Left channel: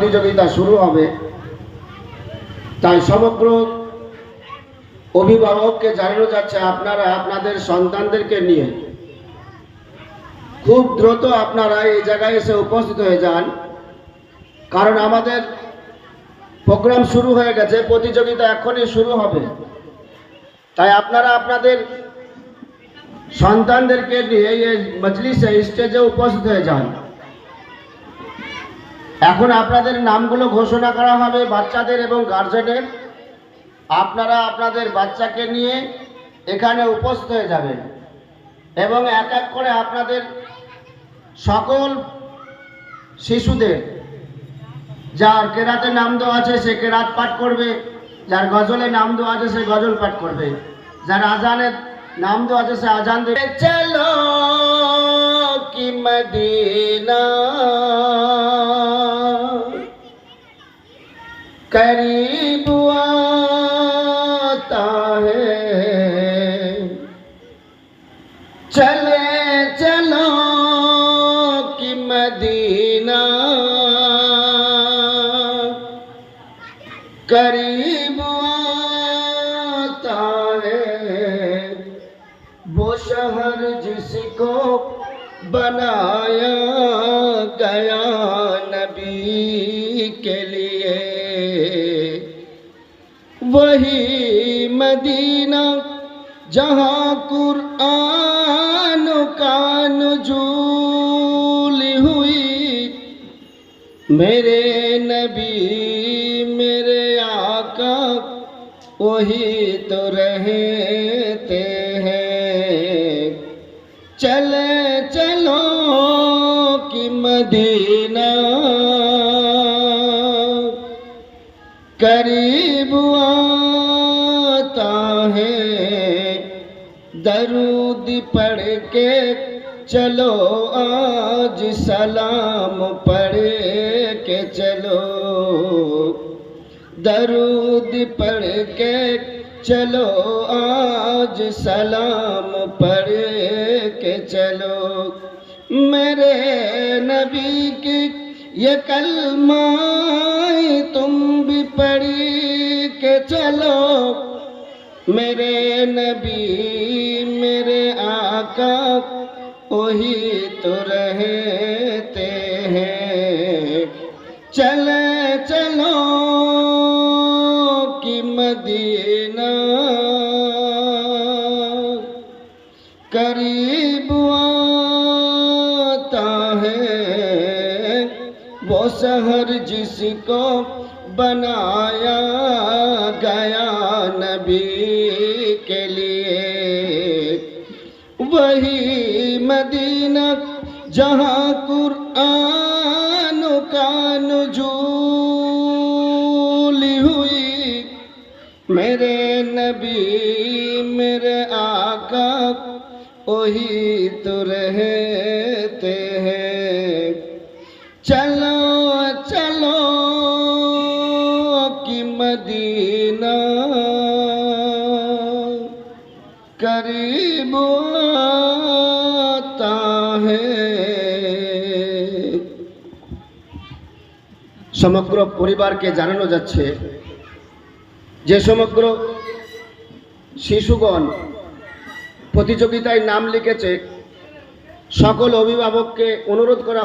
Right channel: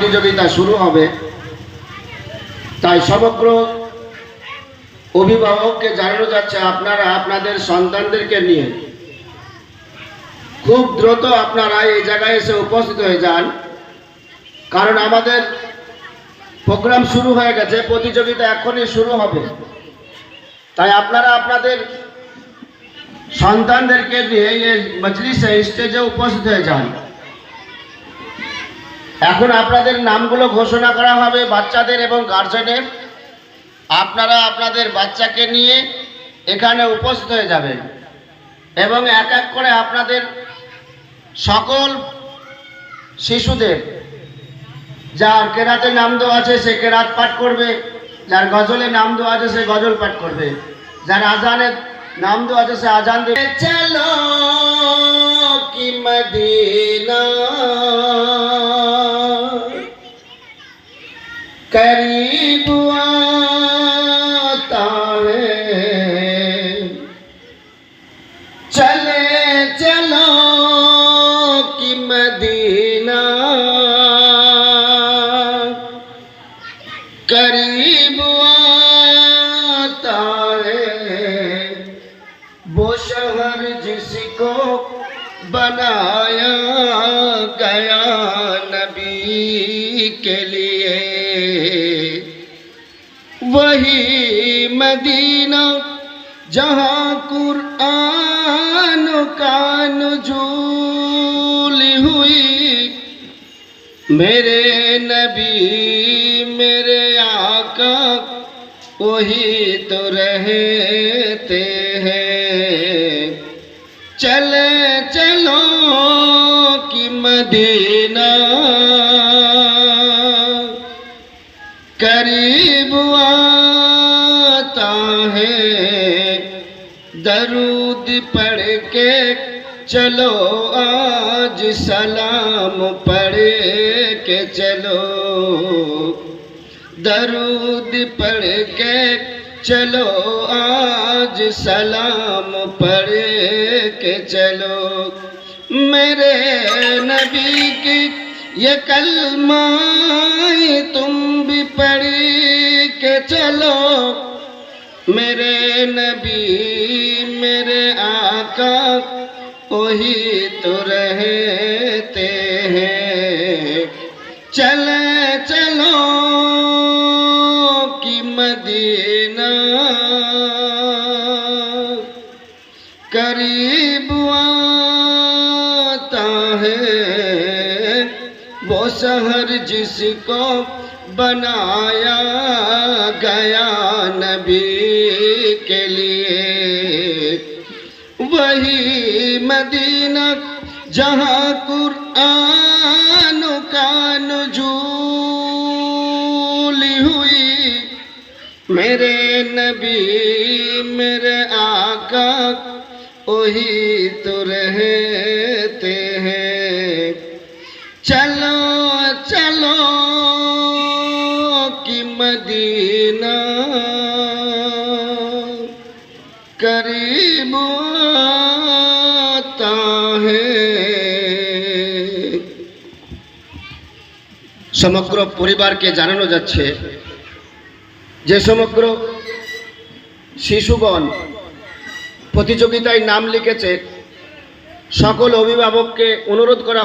প্রতিযোগিতা শুরু হবে, তাই সমগ্র অভিভাবককে জানানো যাচ্ছে আপনারা আপনাদের সন্তানদেরকে নিয়ে খুব দ্রুত আপনারা এই জায়গায় এসে উপস্থিত হয়ে যান, কারণ আমাদের প্রোগ্রাম শুরু হয়ে গেছে, প্রতিযোগিতা এখনই শুরু হবে। তাই আপনারা আপনাদের সন্তানদেরকে নিয়ে এই মজলিসে স্টেজে উপস্থিত হয়ে যান। এখন আপনাদের নামগুলো ঘোষণা করা হবে বাচ্চাদের এবং গার্জেনের। আপনারা আপনাদের বাচ্চাকে নিয়ে এখানে উপস্থিত হয়ে যাবেন এবং এক এক করে আপনাদের সকল শিশুদের যার কেরাতে নাম দেওয়া আছে সে কেরাত পাঠ করবে, যার গজলে নাম দেওয়া আছে সে গজল পাঠ করবে, যার আজানের নাম দেওয়া আছে সে আজান দেবে। চলো কি মদিনা करीब आता है, चले चलो कि मदीना करीब आता है, वो शहर जिसको बनाया गया नबी के लिए, वही मदीना जहाँ कुरान का नुज़ूल हुई। मेरे नबी मेरे आका वही तो रहते हैं, चले चलो कि मदीना करीब आता है, दरूद पढ़ के चलो आज सलाम पढ़ के चलो, दरूद पढ़ के चलो आज सलाम पढ़ के चलो। मेरे नबी की ये कलमा तुम भी पढ़ के चलो, मेरे नबी मेरे आका वही तो रहते हैं, चले चलो कि मदीना करीब आता है, वो शहर जिसको बनाया गया नबी के लिए, वही मदीना जहाँ कुरान का नुज़ूल हुई। मेरे नबी मेरे आका वही तो रहते हैं, चलो चलो कि मदीना करीब आता है। সমগ্র পরিবারকে জানানো যাচ্ছে যে সমগ্র শিশুগণ প্রতিযোগিতায় নাম লিখেছে সকল অভিভাবককে অনুরোধ করা